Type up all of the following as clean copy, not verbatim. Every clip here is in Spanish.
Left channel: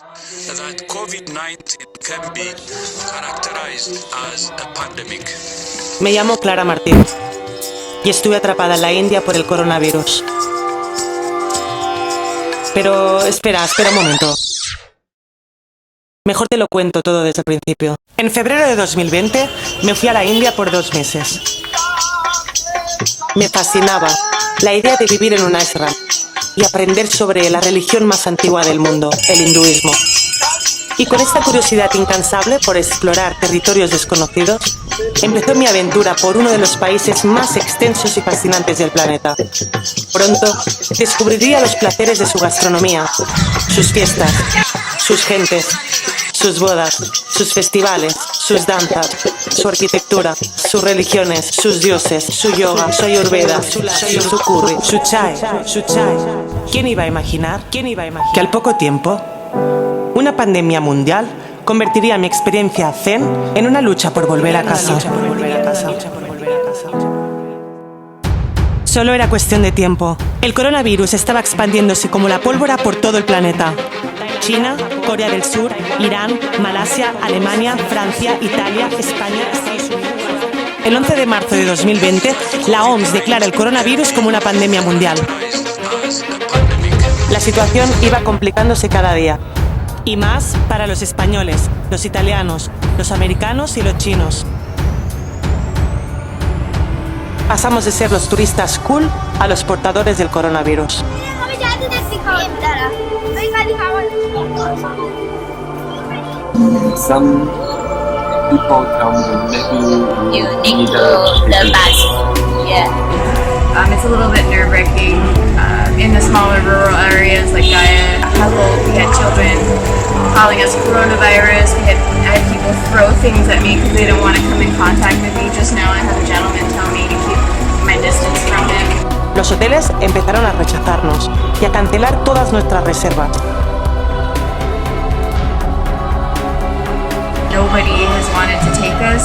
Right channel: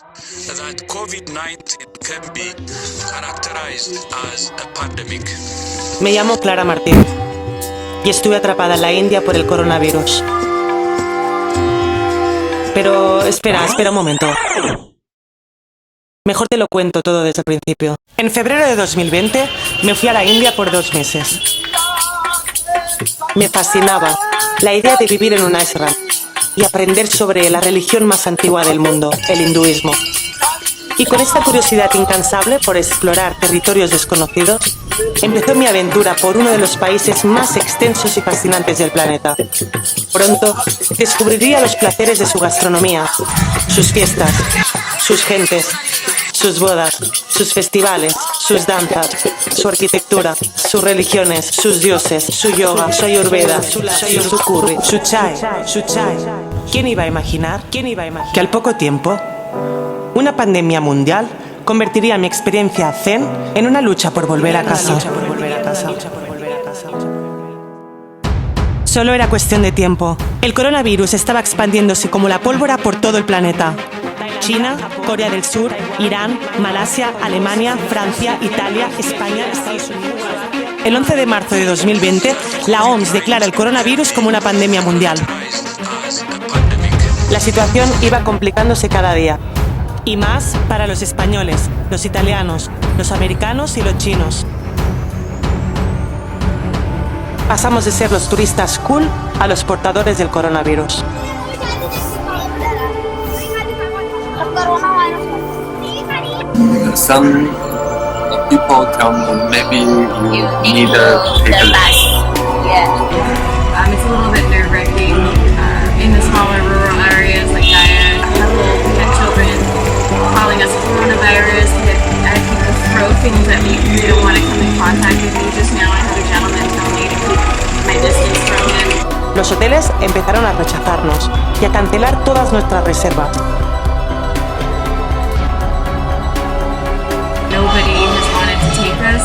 that COVID-19 can be characterized as a pandemic. Me llamo Clara Martín y estuve atrapada en la India por el coronavirus. Pero espera un momento. Mejor te lo cuento todo desde el principio. En febrero de 2020 me fui a la India por 2 meses. Me fascinaba la idea de vivir en un ashram y aprender sobre la religión más antigua del mundo, el hinduismo. Y con esta curiosidad incansable por explorar territorios desconocidos, empezó mi aventura por uno de los países más extensos y fascinantes del planeta. Pronto descubriría los placeres de su gastronomía, sus fiestas, sus gentes, sus bodas, sus festivales, sus danzas, su arquitectura, sus religiones, sus dioses, su yoga, su ayurveda, su curry, su chai. ¿Quién iba a imaginar que al poco tiempo una pandemia mundial convertiría mi experiencia zen en una lucha por volver a casa? Solo era cuestión de tiempo. El coronavirus estaba expandiéndose como la pólvora por todo el planeta. China, Corea del Sur, Irán, Malasia, Alemania, Francia, Italia, España, Estados Unidos. El 11 de marzo de 2020, la OMS declara el coronavirus como una pandemia mundial. La situación iba complicándose cada día. Y más para los españoles, los italianos, los americanos y los chinos. Pasamos de ser los turistas cool a los portadores del coronavirus. Some people tell me maybe you need to take a mask. Yeah. It's a little bit nerve-wracking. In the smaller rural areas like Gaya, we had children calling us coronavirus. I had people throw things at me because they don't want to come in contact with me. Just now I had a gentleman tell me to keep my distance from him. Los hoteles empezaron a rechazarnos y a cancelar todas nuestras reservas. Nobody has wanted to take us.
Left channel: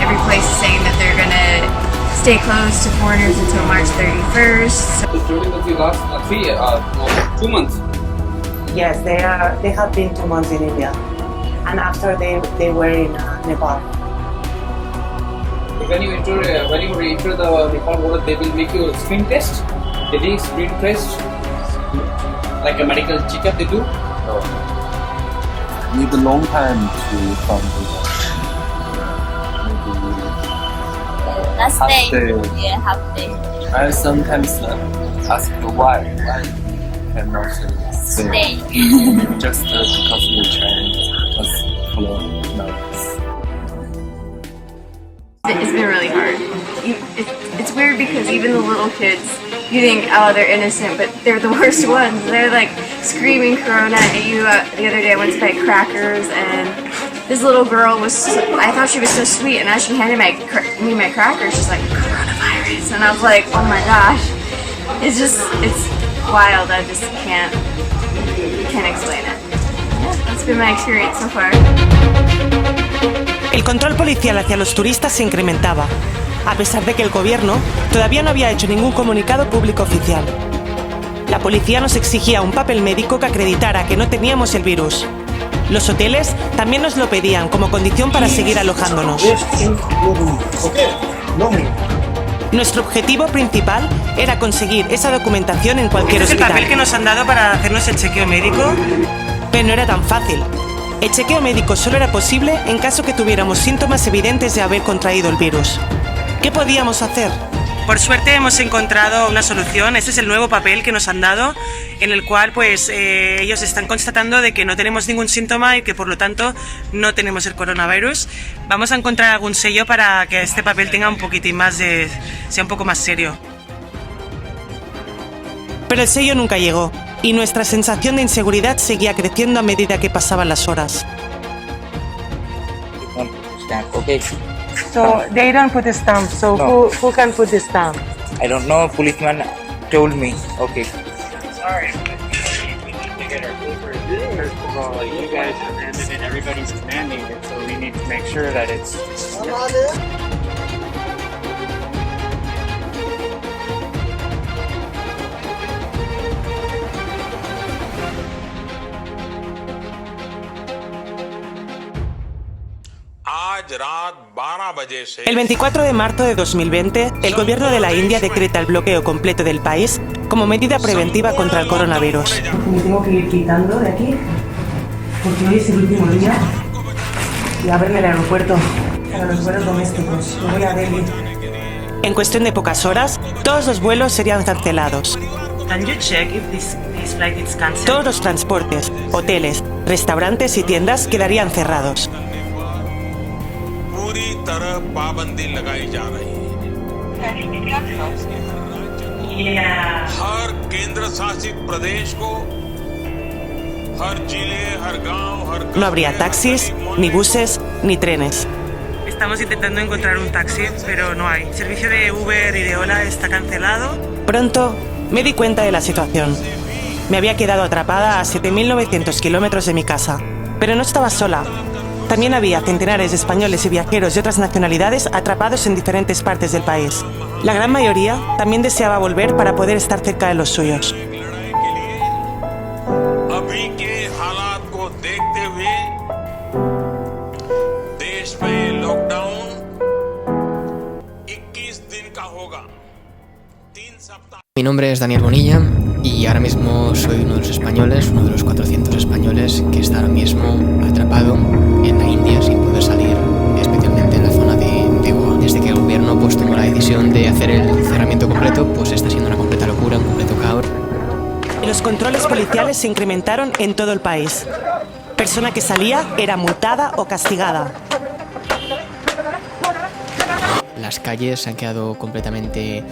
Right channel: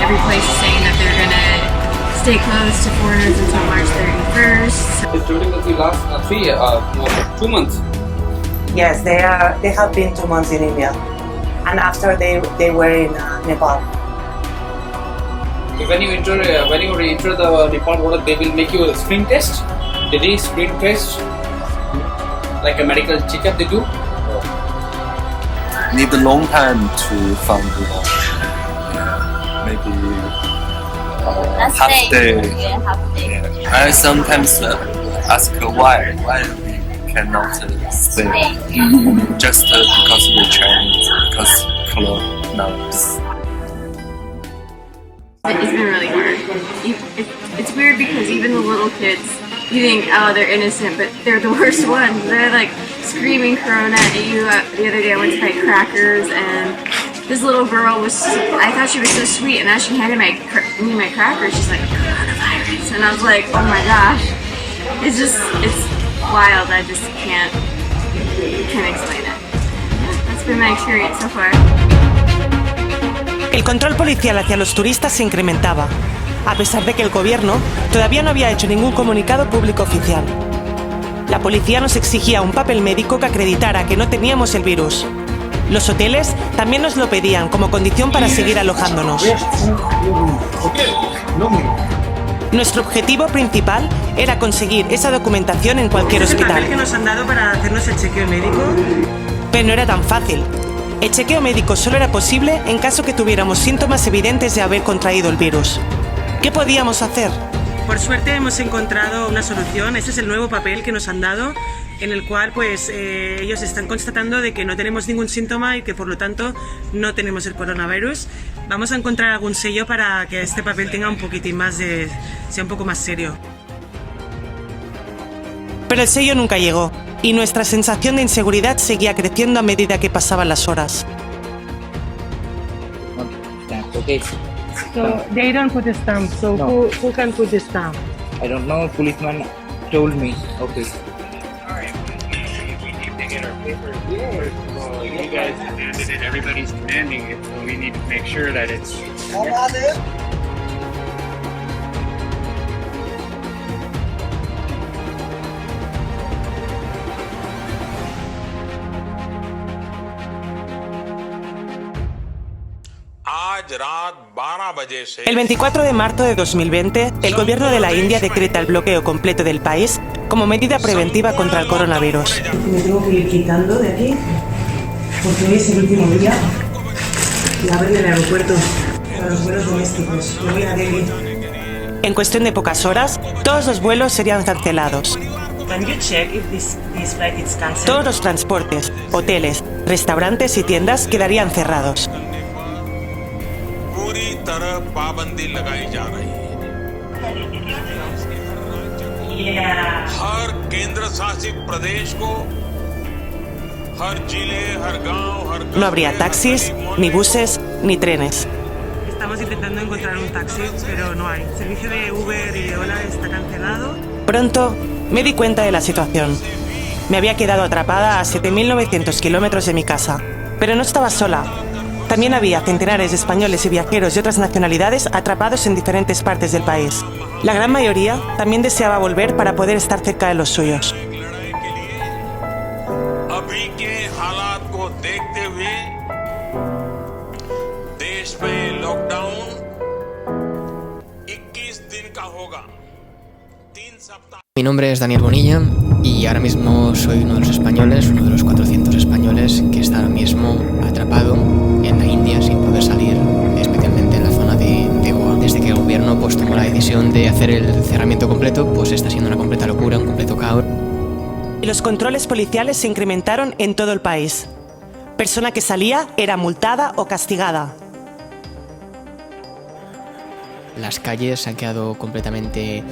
Every place is saying that they're going to stay closed to foreigners until March 31st. During the last 2 months. Yes, they have been 2 months in India, and after they were in Nepal. When you enter the Nepal border, they will make you a screen test. They do screen test, like a medical checkup. They do. need a long time to find one. Maybe half day. Yeah, half day. Yeah. I sometimes ask why we cannot stay. Just because we're Chinese, because coronavirus. It's been really hard. It's weird because even the little kids, you think, oh, they're innocent, but they're the worst ones. They're like screaming Corona at you. The other day I went to buy crackers and this little girl I thought she was so sweet, and as she handed me my crackers, she's like, coronavirus. And I was like, oh my gosh. It's wild. I just can't explain it. That's been my experience so far. El control policial hacia los turistas se incrementaba, a pesar de que el gobierno todavía no había hecho ningún comunicado público oficial. La policía nos exigía un papel médico que acreditara que no teníamos el virus. Los hoteles también nos lo pedían como condición para seguir alojándonos. Nuestro objetivo principal era conseguir esa documentación en cualquier hospital. ¿Es el papel que nos han dado para hacernos el chequeo médico? Pero no era tan fácil. El chequeo médico solo era posible en caso que tuviéramos síntomas evidentes de haber contraído el virus. ¿Qué podíamos hacer? Por suerte hemos encontrado una solución. Este es el nuevo papel que nos han dado, en el cual ellos están constatando de que no tenemos ningún síntoma y que por lo tanto no tenemos el coronavirus. Vamos a encontrar algún sello para que este papel tenga un poquitín más sea un poco más serio. Pero el sello nunca llegó y nuestra sensación de inseguridad seguía creciendo a medida que pasaban las horas. Okay. So they don't put a stamp. So No. who can put the stamp? I don't know. Policeman told me. Okay. Sorry, we need to get our papers. First of all, you guys demanded it. Everybody's demanding it, so we need to make sure that it's. आज रात 12 बजे से El 24 de marzo de 2020, el gobierno de la India decreta el bloqueo completo del país como medida preventiva contra el coronavirus. Me tengo que ir quitando de aquí, porque hoy es el último día y abren el aeropuerto para los vuelos domésticos. Me voy a Delhi. En cuestión de pocas horas, todos los vuelos serían cancelados. Can you check if this flight is cancelled? Todos los transportes, hoteles, restaurantes y tiendas quedarían cerrados. पूरी तरह पाबंदी लगाई जा रही है। Yeah. हर केंद्र शासित प्रदेश को हर जिले हर गांव हर No habría taxis, ni buses, ni trenes. Estamos intentando encontrar un taxi, pero no hay. El servicio de Uber y de Ola está cancelado. Pronto me di cuenta de la situación. Me había quedado atrapada a 7.900 kilómetros de mi casa. Pero no estaba sola. También había centenares de españoles y viajeros de otras nacionalidades atrapados en diferentes partes del país. La gran mayoría también deseaba volver para poder estar cerca de los suyos. अभी के हालात को देखते हुए देश में लॉकडाउन 21 दिन का होगा। 3 सप्ताह। Mi nombre es Daniel Bonilla y ahora mismo soy uno de los españoles, uno de los 400 españoles que está ahora mismo atrapado en la India sin poder salir, especialmente en la zona de Goa. Desde que el gobierno pues tomó la decisión de hacer el cerramiento completo, pues está siendo una completa locura, un completo caos. Los controles policiales se incrementaron en todo el país. Persona que salía era multada o castigada. Las calles se han quedado completamente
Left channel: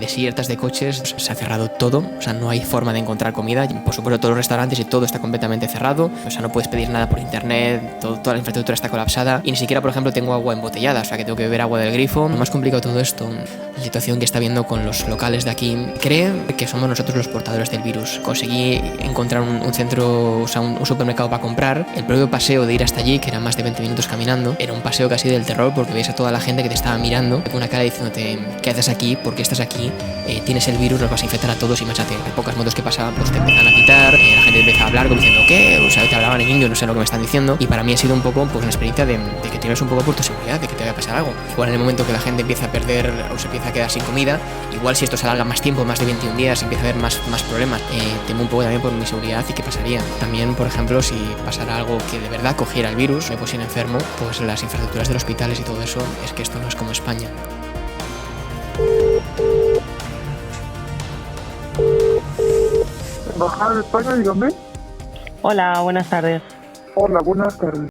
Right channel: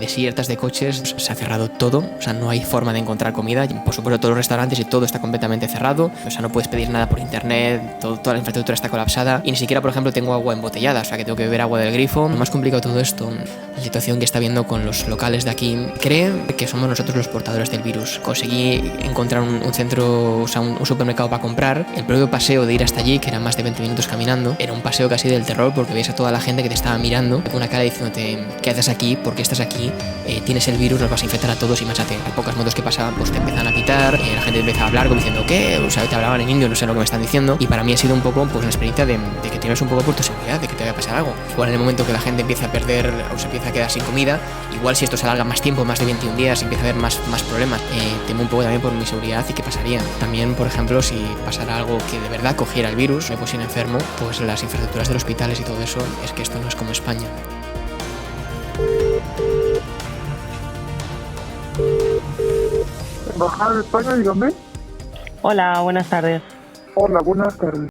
desiertas de coches, se ha cerrado todo, o sea, no hay forma de encontrar comida, por supuesto todos los restaurantes y todo está completamente cerrado, o sea, no puedes pedir nada por internet, toda la infraestructura está colapsada y ni siquiera, por ejemplo, tengo agua embotellada, o sea, que tengo que beber agua del grifo. Lo más complicado de todo esto, la situación que está viendo con los locales de aquí, cree que somos nosotros los portadores del virus. Conseguí encontrar un centro, o sea, un supermercado para comprar, el propio paseo de ir hasta allí, que eran más de 20 minutos caminando, era un paseo casi del terror porque veías a toda la gente que te estaba mirando con una cara diciéndote, ¿qué haces aquí? ¿Por qué estás aquí? Tienes el virus, los vas a infectar a todos y machate. Hay pocas motos que pasaban, pues te empiezan a pitar, la gente empieza a hablar como diciendo, ¿qué? O sea, te hablaban en indio, no sé lo que me están diciendo. Y para mí ha sido un poco pues una experiencia de que tienes un poco por tu seguridad, de que te vaya a pasar algo. Igual en el momento que la gente empieza a perder o se empieza a quedar sin comida, igual si esto se alarga más tiempo, más de 21 días, empieza a haber más problemas. Temo un poco también por mi seguridad y qué pasaría. También, por ejemplo, si pasara algo que de verdad cogiera el virus, me pusiera enfermo, pues las infraestructuras de los hospitales y todo eso, es que esto no es como España. Embajada de España, dígame. Hola, buenas tardes. Hola, buenas tardes.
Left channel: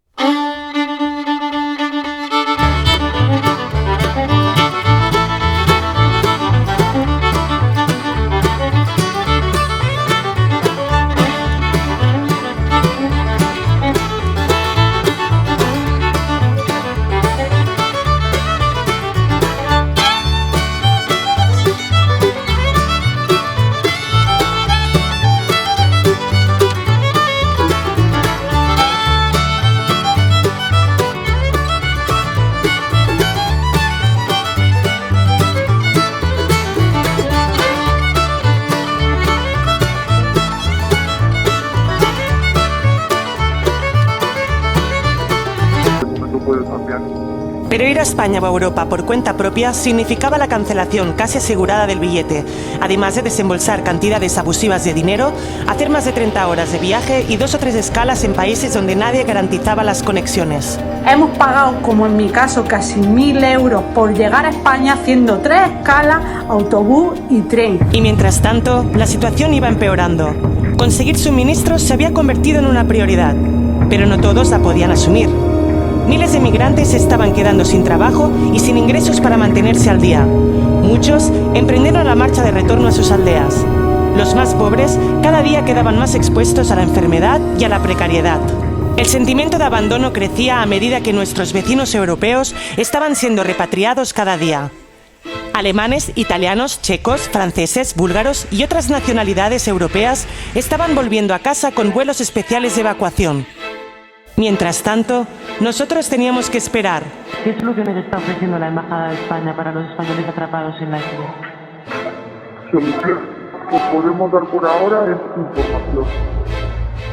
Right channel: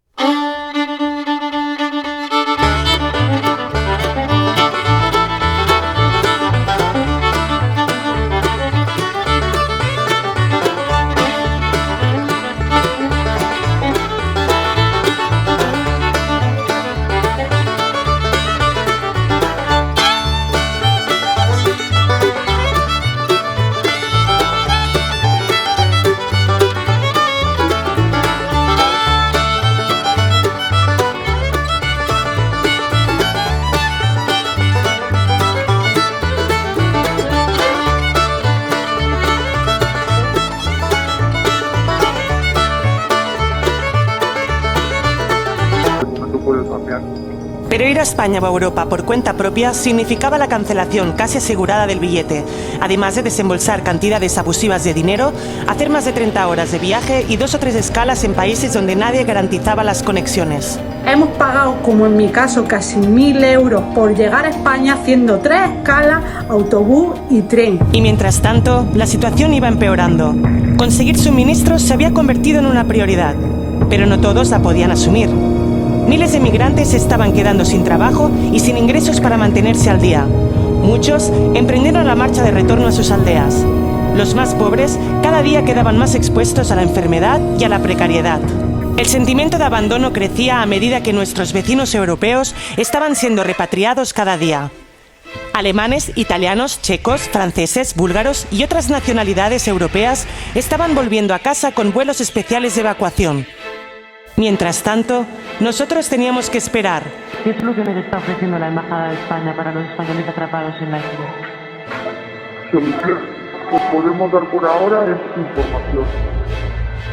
Pero ir a España o a Europa por cuenta propia significaba la cancelación casi asegurada del billete, además de desembolsar cantidades abusivas de dinero, hacer más de 30 horas de viaje y 2 o 3 escalas en países donde nadie garantizaba las conexiones. Hemos pagado, como en mi caso, casi 1.000 euros por llegar a España haciendo 3 escalas, autobús y tren. Y mientras tanto, la situación iba empeorando. Conseguir suministros se había convertido en una prioridad, pero no todos la podían asumir. Miles de migrantes estaban quedando sin trabajo y sin ingresos para mantenerse al día. Muchos emprendieron la marcha de retorno a sus aldeas. Los más pobres cada día quedaban más expuestos a la enfermedad y a la precariedad. El sentimiento de abandono crecía a medida que nuestros vecinos europeos estaban siendo repatriados cada día. Alemanes, italianos, checos, franceses, búlgaros y otras nacionalidades europeas estaban volviendo a casa con vuelos especiales de evacuación. Mientras tanto, nosotros teníamos que esperar. ¿Qué soluciones está ofreciendo la Embajada de España para los españoles atrapados en la isla? Solución que podemos dar por ahora es información.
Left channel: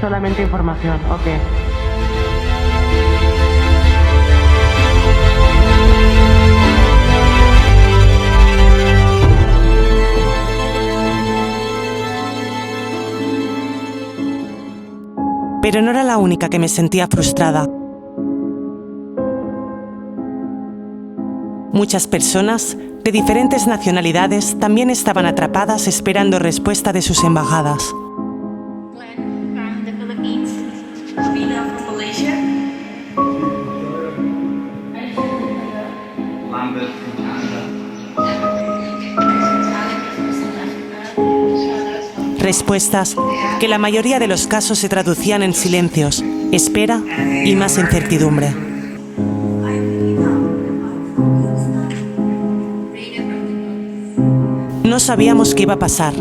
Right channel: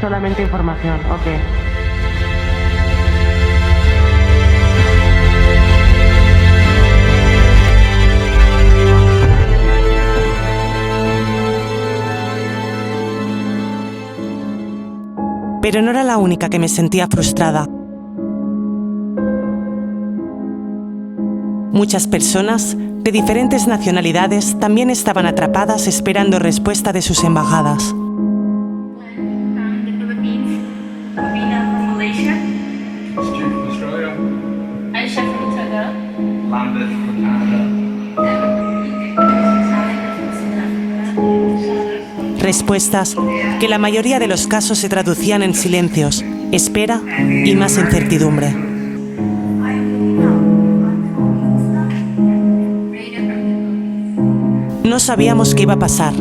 Solamente información, ok. Pero no era la única que me sentía frustrada. Muchas personas de diferentes nacionalidades también estaban atrapadas esperando respuesta de sus embajadas. Respuestas que la mayoría de los casos se traducían en silencios, espera y más incertidumbre. No sabíamos qué iba a pasar.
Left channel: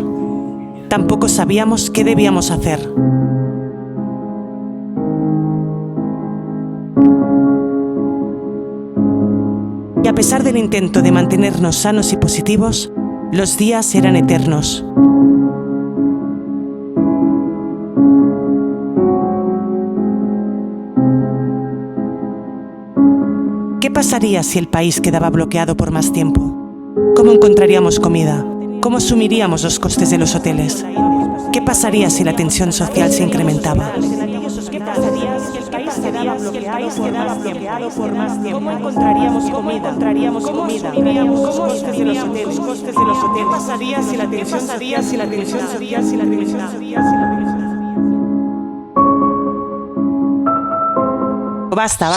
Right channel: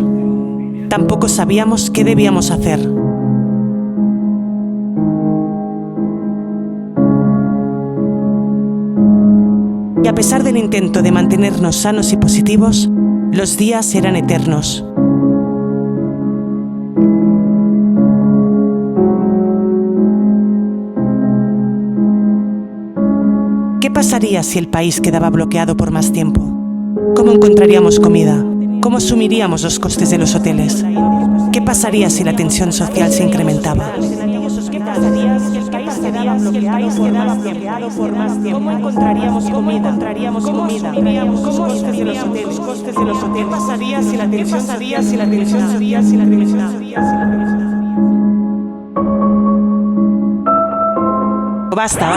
Tampoco sabíamos qué debíamos hacer. Y a pesar del intento de mantenernos sanos y positivos, los días eran eternos. ¿Qué pasaría si el país quedaba bloqueado por más tiempo? ¿Cómo encontraríamos comida? ¿Cómo asumiríamos los costes de los hoteles? ¿Qué pasaría si la tensión social se incrementaba? ¿Qué pasaría si el país quedaba bloqueado por más tiempo? ¿Cómo encontraríamos comida? ¿Cómo asumiríamos los costes de los hoteles? ¿Qué pasaría si la tensión social se incrementaba? Basta.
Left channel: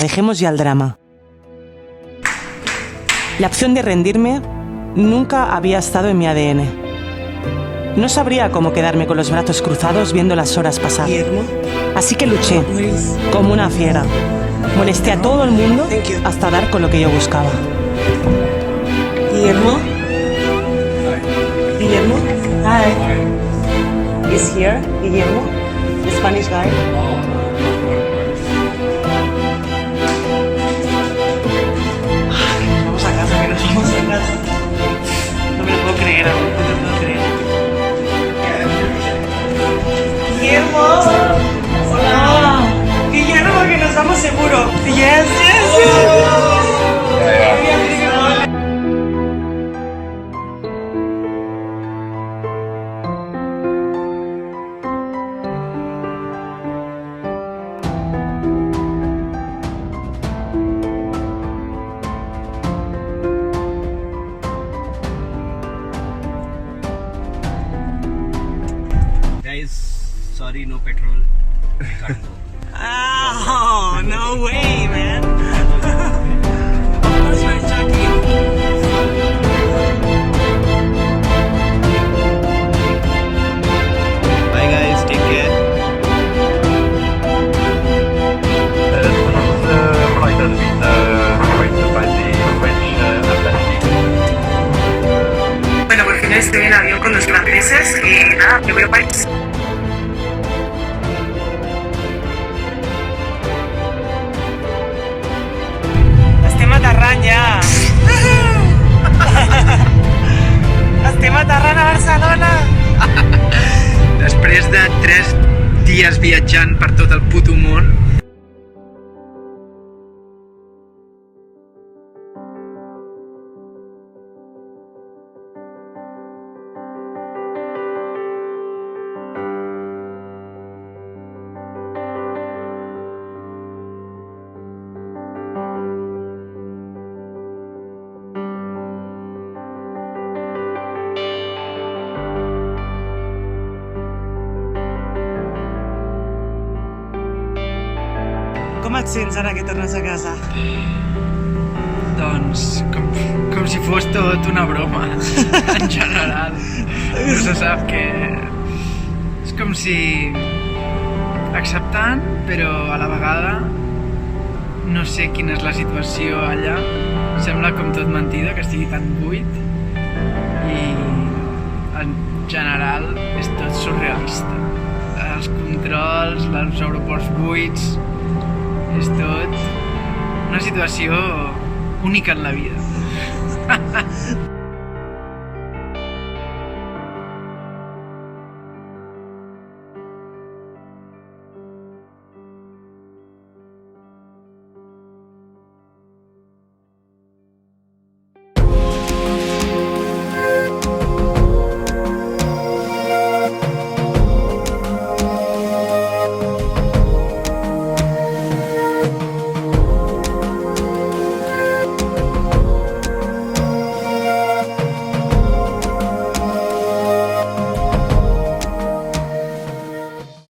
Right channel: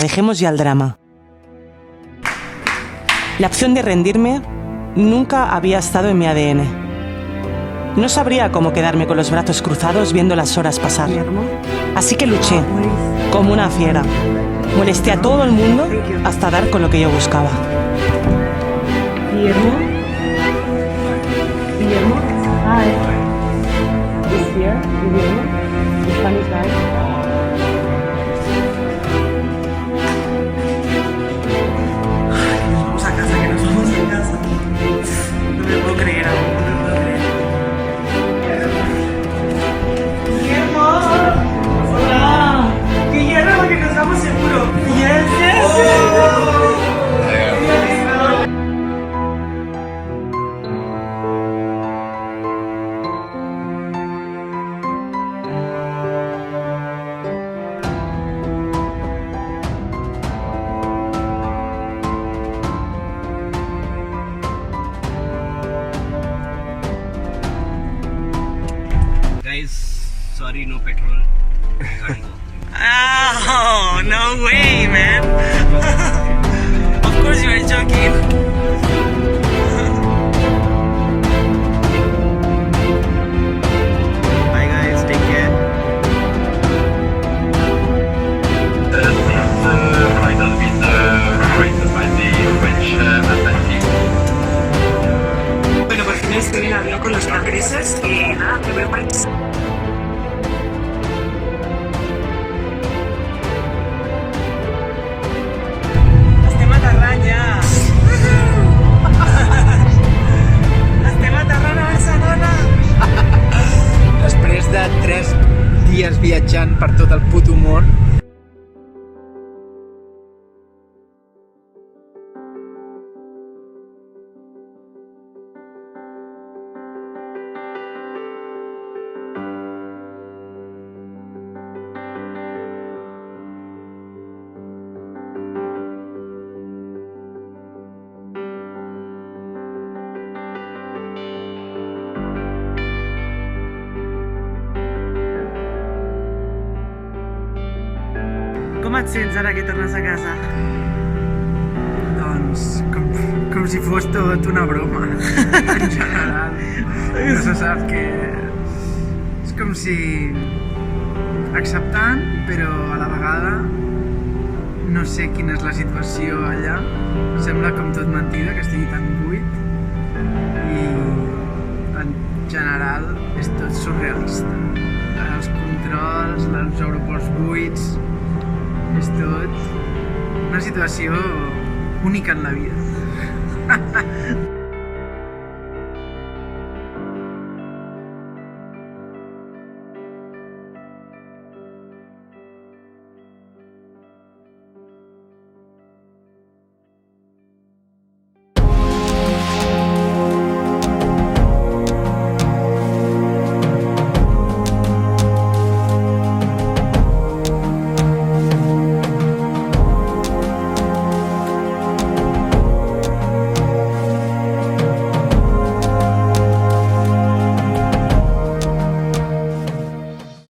Dejemos ya el drama. La opción de rendirme nunca había estado en mi ADN. No sabría cómo quedarme con los brazos cruzados viendo las horas pasar. Así que luché, como una fiera. Molesté a todo el mundo hasta dar con lo que yo buscaba. Guillermo? Hi. Is here, Guillermo? The Spanish guy? Vamos a casa, que nos vamos a casa. No me lo puedo creer aún, no me lo puedo creer. Guillermo. Hola. Guillermo, que nos vamos seguro. Yes. Sorry, no petrol. Oh, no way, man. Of course you were joking. Bye guys, take care. This flight has been operated by the French embassy. Bueno, por fin estoy en avión con los franceses y nada, me voy a París. Estem aterrant ja. Estem aterrant a Barcelona. Després de 3 dies viatjant per tot el puto món. Com et sents ara que tornes a casa? Doncs com si fos tot una broma, en general. No se sap que... És com si... acceptant, però a la vegada no sé quina és la situació allà. Sembla com tot mentida, que estigui tan buit. I en general és tot surrealista. Els controls, els aeroports buits... És tot una situació única en la vida.